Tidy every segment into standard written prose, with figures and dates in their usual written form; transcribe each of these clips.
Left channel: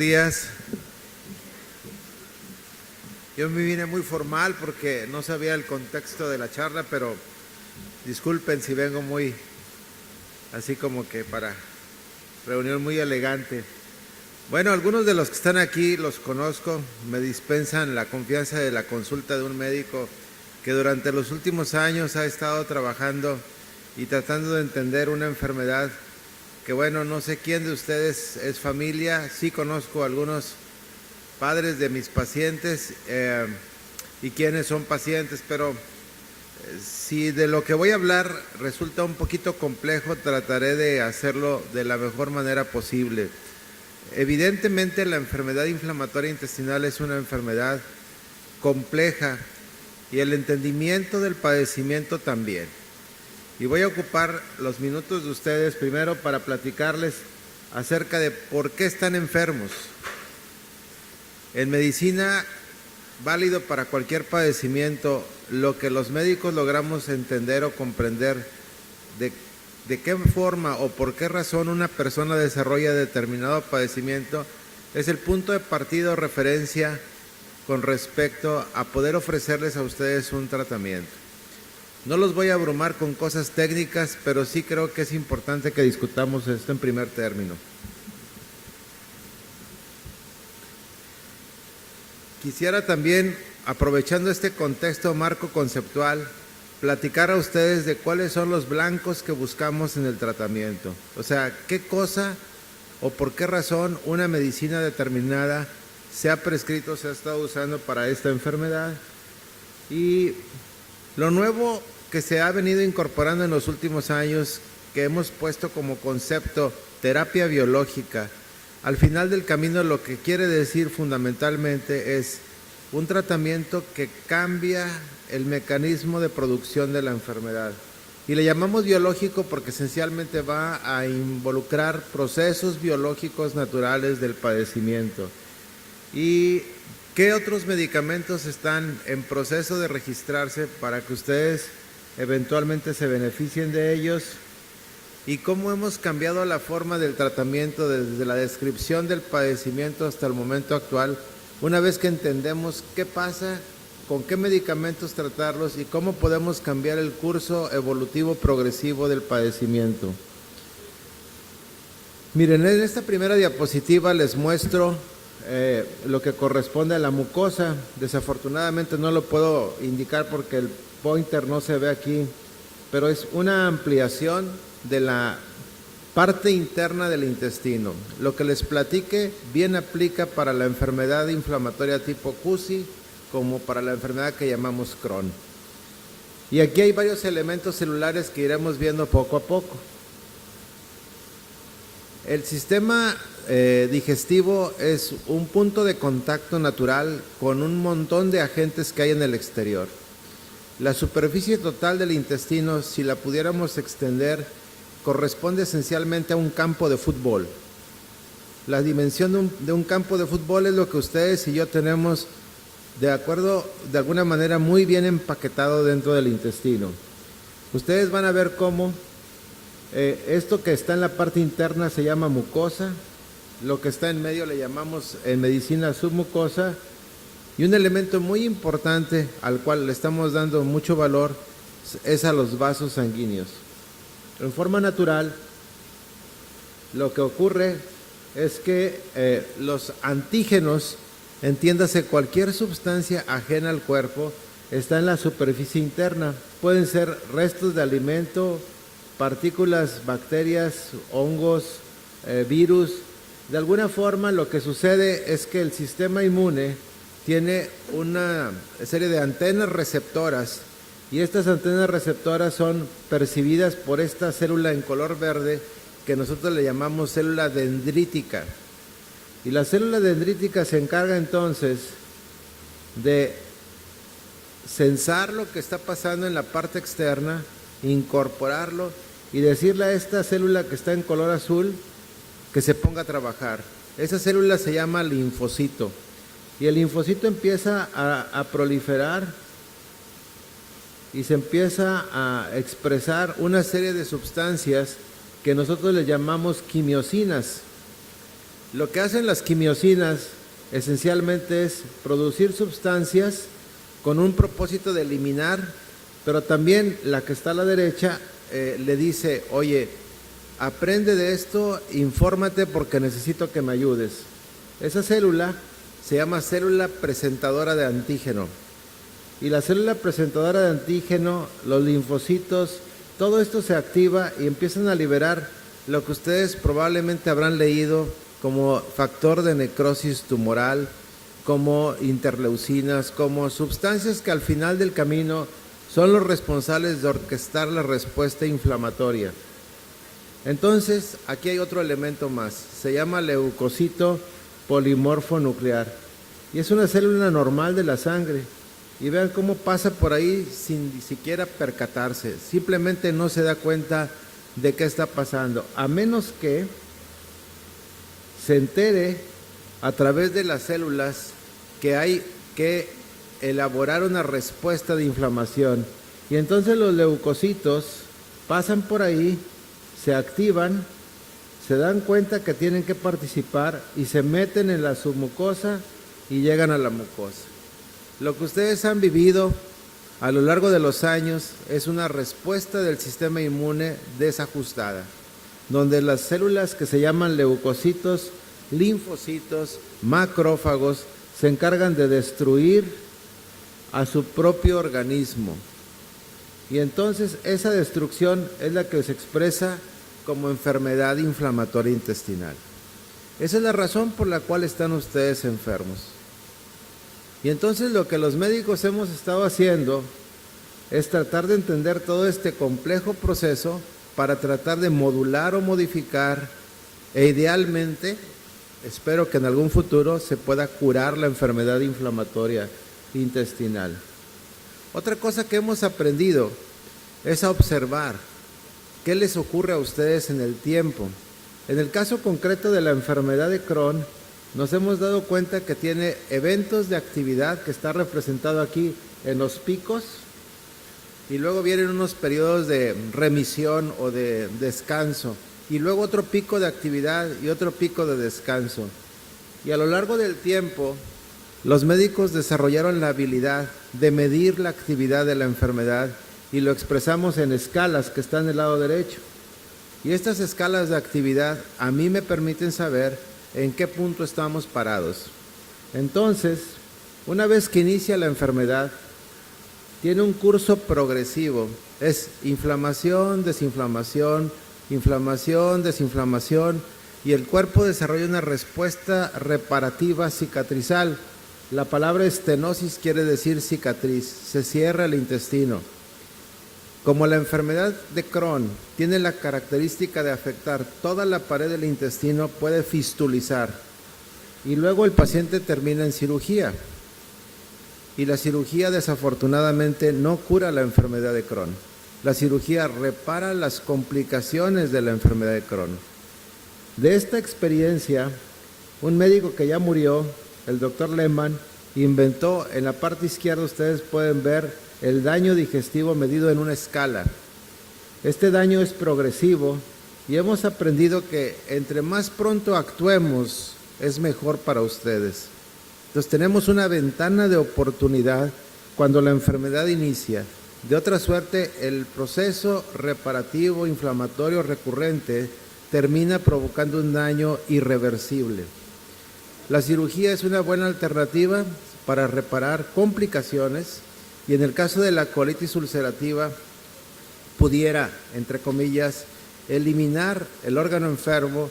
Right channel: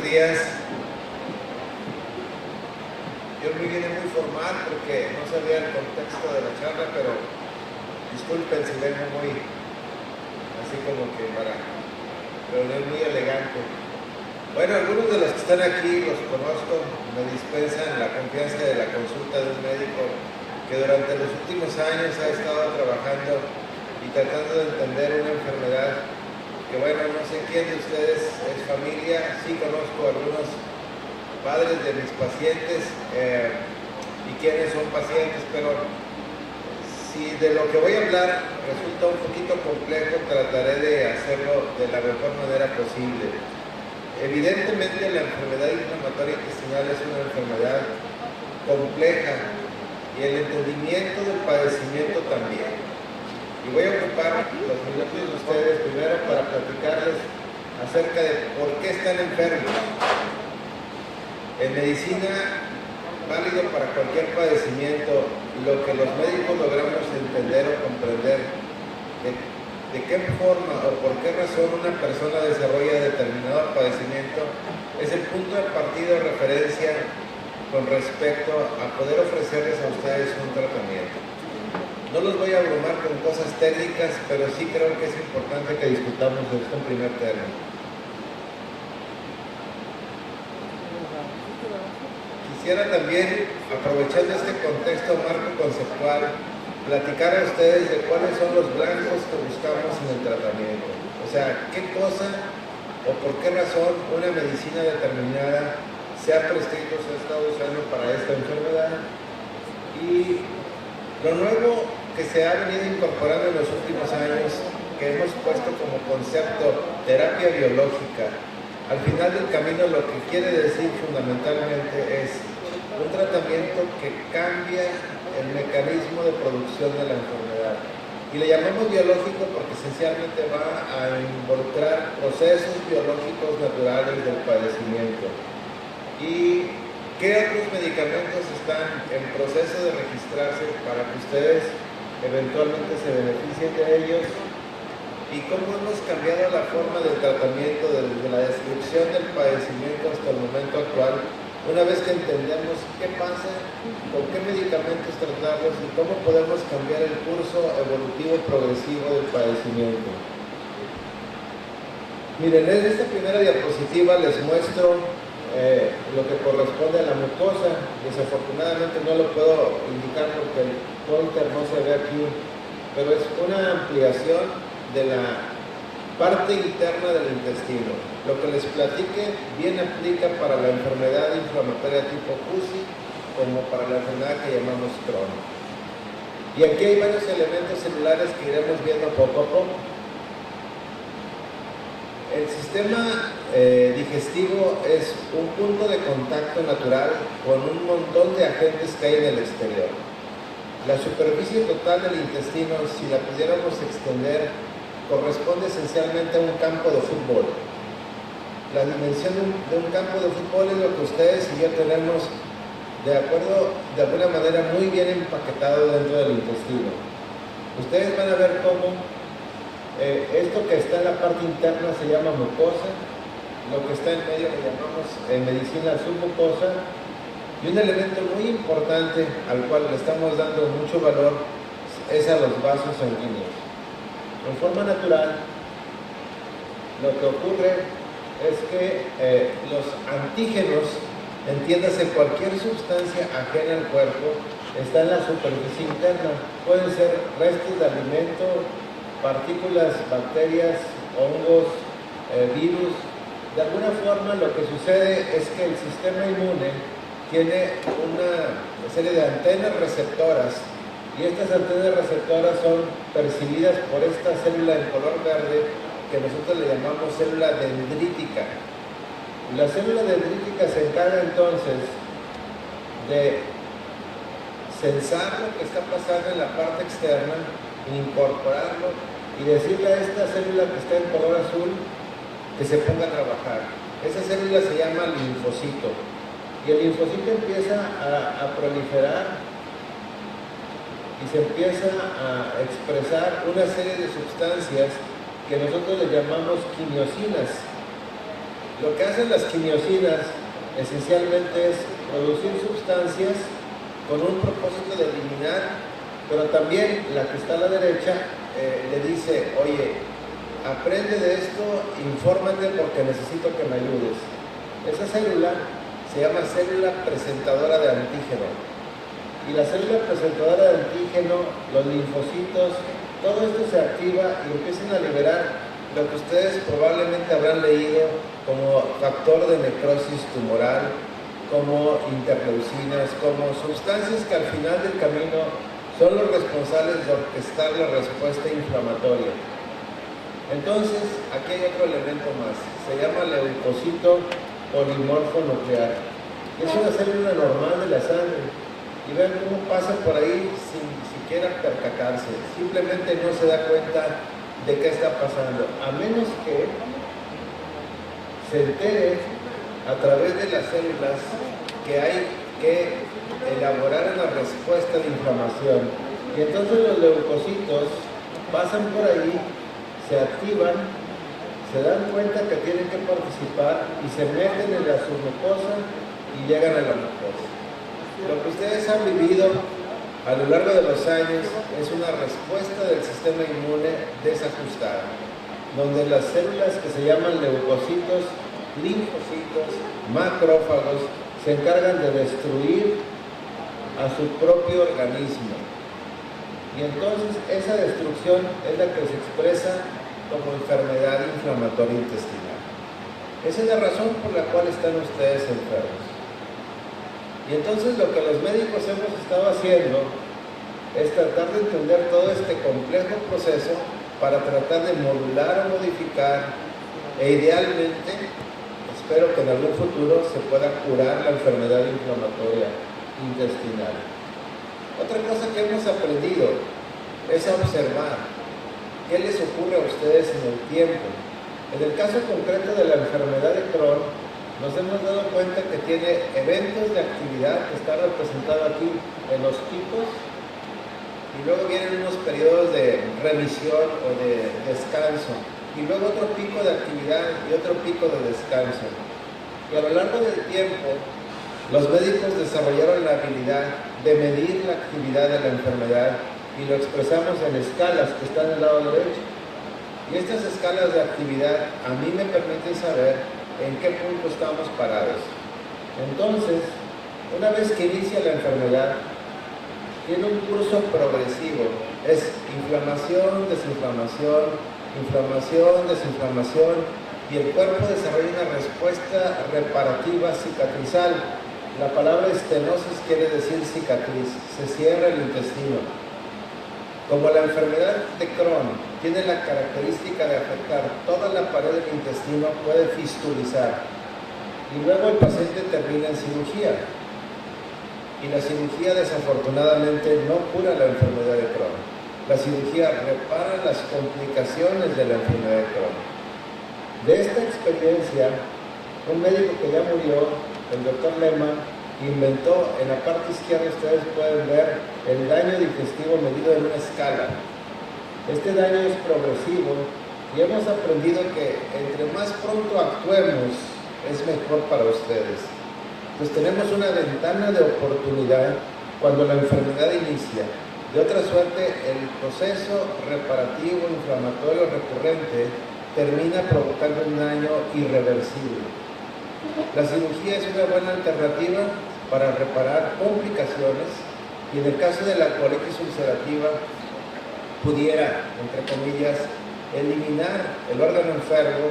días. Yo me vine muy formal porque no sabía el contexto de la charla, pero disculpen si vengo muy así como que para reunión muy elegante. Bueno, algunos de los que están aquí los conozco, me dispensan la confianza de la consulta de un médico que durante los últimos años ha estado trabajando y tratando de entender una enfermedad que, bueno, no sé quién de ustedes es familia. Sí conozco a algunos padres de mis pacientes y quienes son pacientes, pero si de lo que voy a hablar resulta un poquito complejo, trataré de hacerlo de la mejor manera posible. Evidentemente la enfermedad inflamatoria intestinal es una enfermedad compleja y el entendimiento del padecimiento también. Y voy a ocupar los minutos de ustedes primero para platicarles acerca de por qué están enfermos. En medicina, válido para cualquier padecimiento, lo que los médicos logramos entender o comprender de qué forma o por qué razón una persona desarrolla determinado padecimiento es el punto de partida o referencia con respecto a poder ofrecerles a ustedes un tratamiento. No los voy a abrumar con cosas técnicas, pero sí creo que es importante que discutamos esto en primer término. Quisiera también, aprovechando este contexto marco conceptual, platicar a ustedes de cuáles son los blancos que buscamos en el tratamiento. O sea, qué cosa o por qué razón una medicina determinada se ha prescrito, se ha estado usando para esta enfermedad. Y lo nuevo que se ha venido incorporando en los últimos años, que hemos puesto como concepto terapia biológica, al final del camino lo que quiere decir fundamentalmente es un tratamiento que cambia el mecanismo de producción de la enfermedad. Y le llamamos biológico porque esencialmente va a involucrar procesos biológicos naturales del padecimiento. ¿Y qué otros medicamentos están en proceso de registrarse para que ustedes eventualmente se beneficien de ellos? ¿Y cómo hemos cambiado la forma del tratamiento desde la descripción del padecimiento hasta el momento actual? Una vez que entendemos qué pasa, con qué medicamentos tratarlos y cómo podemos cambiar el curso evolutivo progresivo del padecimiento. Miren, en esta primera diapositiva les muestro lo que corresponde a la mucosa. Desafortunadamente no lo puedo indicar porque el pointer no se ve aquí, pero es una ampliación de la parte interna del intestino. Lo que les platique bien aplica para la enfermedad inflamatoria tipo CUSI como para la enfermedad que llamamos Crohn. Y aquí hay varios elementos celulares que iremos viendo poco a poco. El sistema digestivo es un punto de contacto natural con un montón de agentes que hay en el exterior. La superficie total del intestino, si la pudiéramos extender, corresponde esencialmente a un campo de fútbol. La dimensión de un campo de fútbol es lo que ustedes y yo tenemos de acuerdo, de alguna manera, muy bien empaquetado dentro del intestino. Ustedes van a ver cómo esto que está en la parte interna se llama mucosa, lo que está en medio le llamamos en medicina submucosa, y un elemento muy importante al cual le estamos dando mucho valor es a los vasos sanguíneos. En forma natural, lo que ocurre es que los antígenos, entiéndase cualquier sustancia ajena al cuerpo, está en la superficie interna. Pueden ser restos de alimento, partículas, bacterias, hongos, virus. De alguna forma lo que sucede es que el sistema inmune tiene una serie de antenas receptoras y estas antenas receptoras son percibidas por esta célula en color verde que nosotros le llamamos célula dendrítica. Y la célula dendrítica se encarga entonces de sensar lo que está pasando en la parte externa, incorporarlo y decirle a esta célula que está en color azul que se ponga a trabajar. Esa célula se llama linfocito y el linfocito empieza a proliferar y se empieza a expresar una serie de sustancias que nosotros le llamamos quimiosinas. Lo que hacen las quimiosinas esencialmente es producir sustancias con un propósito de eliminar, pero también la que está a la derecha le dice, oye, aprende de esto, infórmate porque necesito que me ayudes. Esa célula se llama célula presentadora de antígeno. Y la célula presentadora de antígeno, los linfocitos, todo esto se activa y empiezan a liberar lo que ustedes probablemente habrán leído como factor de necrosis tumoral, como interleucinas, como sustancias que al final del camino son los responsables de orquestar la respuesta inflamatoria. Entonces, aquí hay otro elemento más, se llama leucocito polimorfo nuclear y es una célula normal de la sangre. Y vean cómo pasa por ahí sin siquiera percatarse, simplemente no se da cuenta de qué está pasando, a menos que se entere a través de las células que hay que elaborar una respuesta de inflamación. Y entonces los leucocitos pasan por ahí, se activan, se dan cuenta que tienen que participar y se meten en la submucosa y llegan a la mucosa. Lo que ustedes han vivido a lo largo de los años es una respuesta del sistema inmune desajustada, donde las células que se llaman leucocitos, linfocitos, macrófagos, se encargan de destruir a su propio organismo. Y entonces esa destrucción es la que se expresa como enfermedad inflamatoria intestinal. Esa es la razón por la cual están ustedes enfermos. Y entonces lo que los médicos hemos estado haciendo es tratar de entender todo este complejo proceso para tratar de modular o modificar e idealmente, espero que en algún futuro se pueda curar la enfermedad inflamatoria intestinal. Otra cosa que hemos aprendido es a observar qué les ocurre a ustedes en el tiempo. En el caso concreto de la enfermedad de Crohn, nos hemos dado cuenta que tiene eventos de actividad que está representado aquí en los picos y luego vienen unos periodos de remisión o de descanso y luego otro pico de actividad y otro pico de descanso. Y a lo largo del tiempo, los médicos desarrollaron la habilidad de medir la actividad de la enfermedad y lo expresamos en escalas que están del lado derecho. Y estas escalas de actividad a mí me permiten saber en qué punto estamos parados. Entonces, una vez que inicia la enfermedad, tiene un curso progresivo. Es inflamación, desinflamación, inflamación, desinflamación, y el cuerpo desarrolla una respuesta reparativa cicatrizal. La palabra estenosis quiere decir cicatriz, se cierra el intestino. Como la enfermedad de Crohn tiene la característica de afectar toda la pared del intestino, puede fistulizar y luego el paciente termina en cirugía. Y la cirugía desafortunadamente no cura la enfermedad de Crohn. La cirugía repara las complicaciones de la enfermedad de Crohn. De esta experiencia, un médico que ya murió, el doctor Lehmann, inventó, en la parte izquierda ustedes pueden ver el daño digestivo medido en una escala. Este daño es progresivo y hemos aprendido que entre más pronto actuemos es mejor para ustedes. Entonces tenemos una ventana de oportunidad cuando la enfermedad inicia. De otra suerte, el proceso reparativo inflamatorio recurrente termina provocando un daño irreversible. La cirugía es una buena alternativa para reparar complicaciones y en el caso de la colitis ulcerativa pudiera, entre comillas, eliminar el órgano enfermo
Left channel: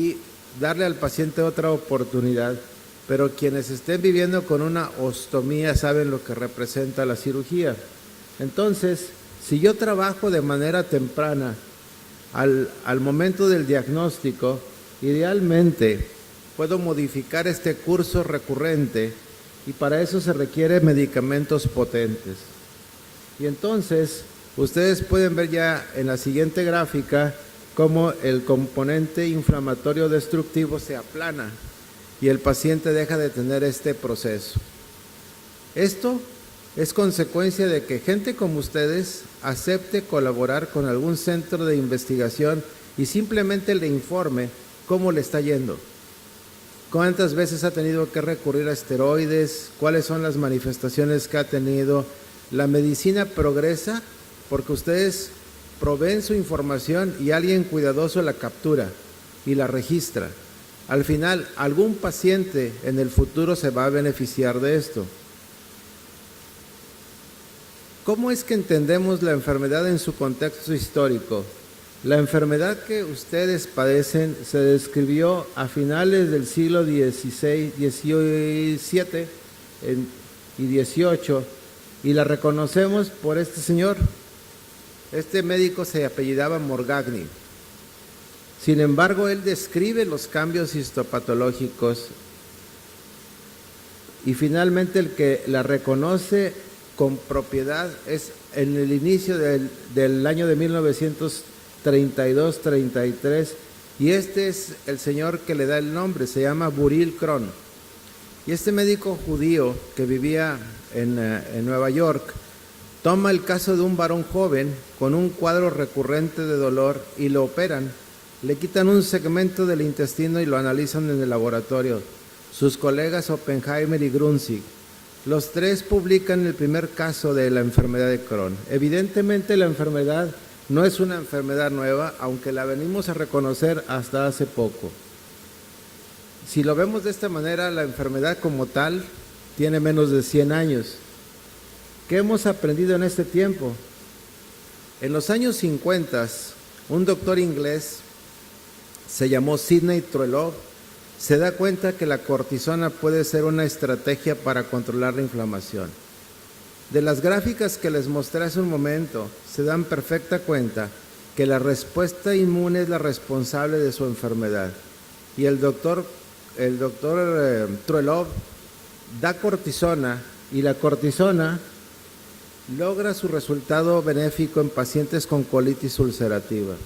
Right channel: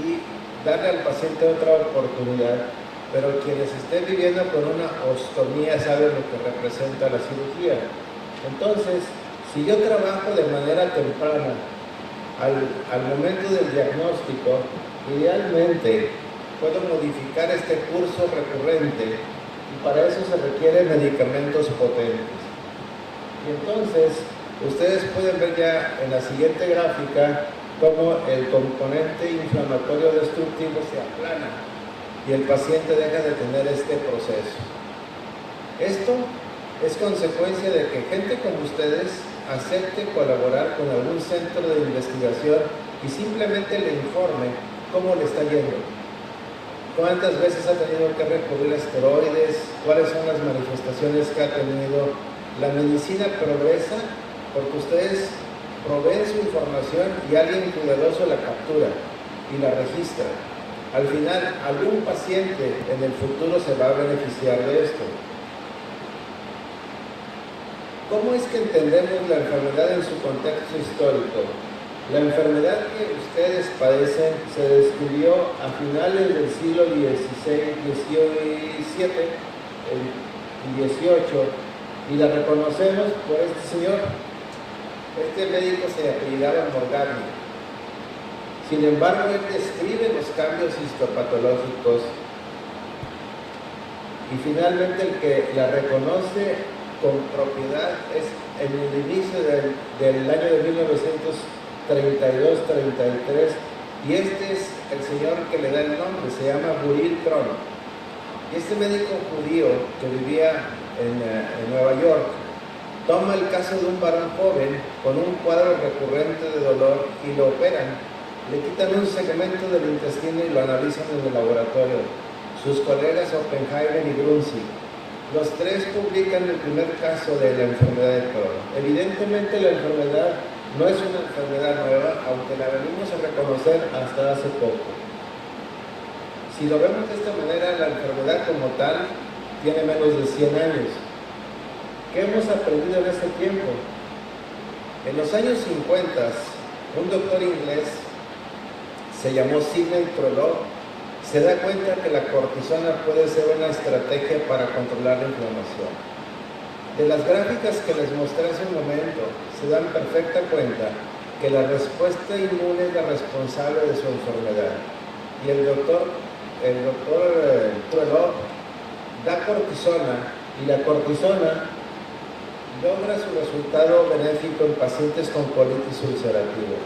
y darle al paciente otra oportunidad. Pero quienes estén viviendo con una ostomía saben lo que representa la cirugía. Entonces, si yo trabajo de manera temprana al momento del diagnóstico, idealmente puedo modificar este curso recurrente y para eso se requieren medicamentos potentes. Y entonces, ustedes pueden ver ya en la siguiente gráfica cómo el componente inflamatorio destructivo se aplana y el paciente deja de tener este proceso. Esto es consecuencia de que gente como ustedes acepte colaborar con algún centro de investigación y simplemente le informe cómo le está yendo. ¿Cuántas veces ha tenido que recurrir a esteroides? ¿Cuáles son las manifestaciones que ha tenido? La medicina progresa porque ustedes proveen su información y alguien cuidadoso la captura y la registra. Al final, algún paciente en el futuro se va a beneficiar de esto. ¿Cómo es que entendemos la enfermedad en su contexto histórico? La enfermedad que ustedes padecen se describió a finales del siglo XVI, XVII y XVIII y la reconocemos por este señor. Este médico se apellidaba Morgagni. Sin embargo, él describe los cambios histopatológicos y finalmente el que la reconoce con propiedad es en el inicio del año de 1932-33 y este es el señor que le da el nombre, se llama Buril Kron. Y este médico judío que vivía en Nueva York toma el caso de un varón joven con un cuadro recurrente de dolor y lo operan. Le quitan un segmento del intestino y lo analizan en el laboratorio. Sus colegas Oppenheimer y Grunzig. Los tres publican el primer caso de la enfermedad de Crohn. Evidentemente la enfermedad no es una enfermedad nueva, aunque la venimos a reconocer hasta hace poco. Si lo vemos de esta manera, la enfermedad como tal tiene menos de 100 años. ¿Qué hemos aprendido en este tiempo? En los años 50, un doctor inglés se llamó Sidney Truelove, se da cuenta que la cortisona puede ser una estrategia para controlar la inflamación. De las gráficas que les mostré hace un momento, se dan perfecta cuenta que la respuesta inmune es la responsable de su enfermedad. Y el doctor Truelove da cortisona y la cortisona logra su resultado benéfico en pacientes con colitis ulcerativa.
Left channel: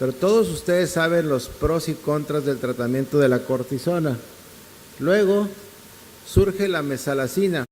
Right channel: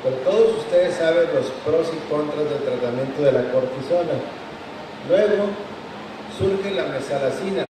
Pero todos ustedes saben los pros y contras del tratamiento de la cortisona. Luego surge la mesalazina.